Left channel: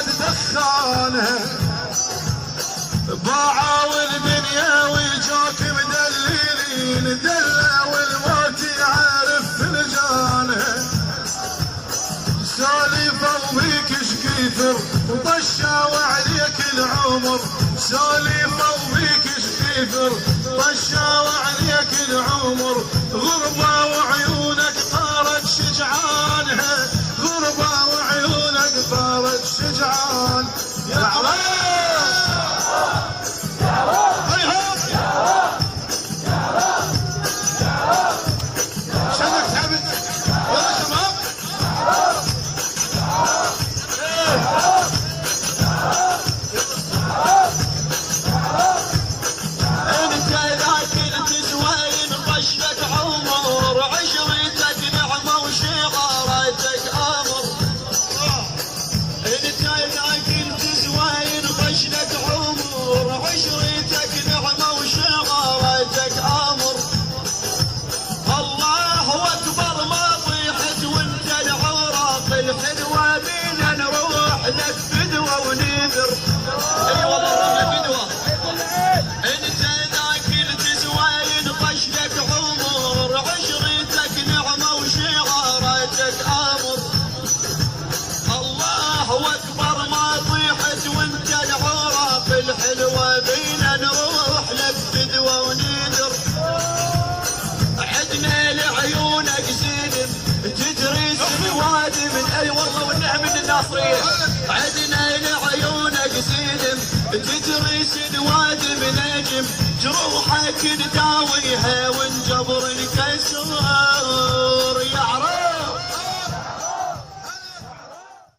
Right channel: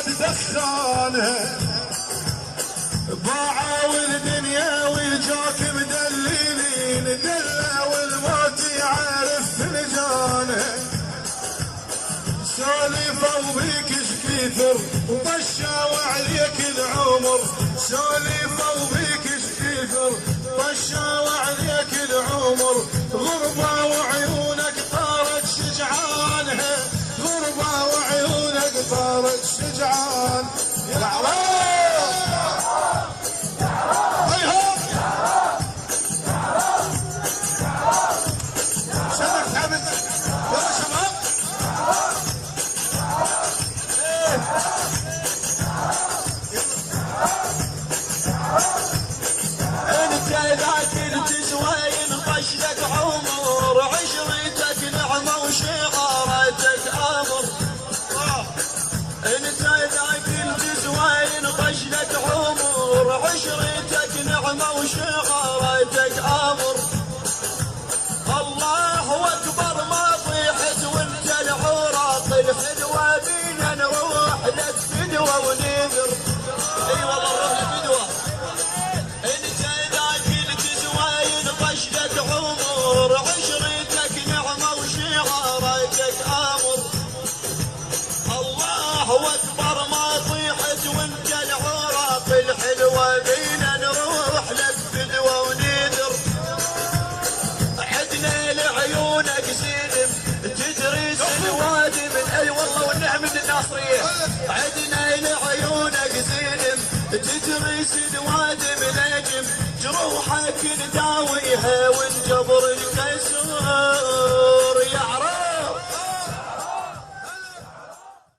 بعد دخانها باعوا الدنيا ويجوك مدللين دلة والموت يعرف فلجانها سالفوا بيك اش كثر وطشوا عليك العمر سالفوا بيك اش كثر طشوا عليك العمر غربة وعيونك طارت شجعانها غربة وعيونك طارت شجعان يا عرب عشرتك نعمة وشغارتك أمر الله أكبر ما طيحت وانت العراق الحلوة بينا نروح لك فدوة ونذر اي والله نروح لك فدوة انت ذاك الجزوين طش لك عمر عشرتك نعمة وشغارتك أمر الله أكبر ما طيحت وانت العراق الحلوة بينا نروح لك فدوة ونذر عدنا لعيونك زلم تجري سنواد من اي والله والنعم من الناصرية عدنا لعيونك زلم تجري سنواد من نجم جروحك نداويها ونجبر الكسر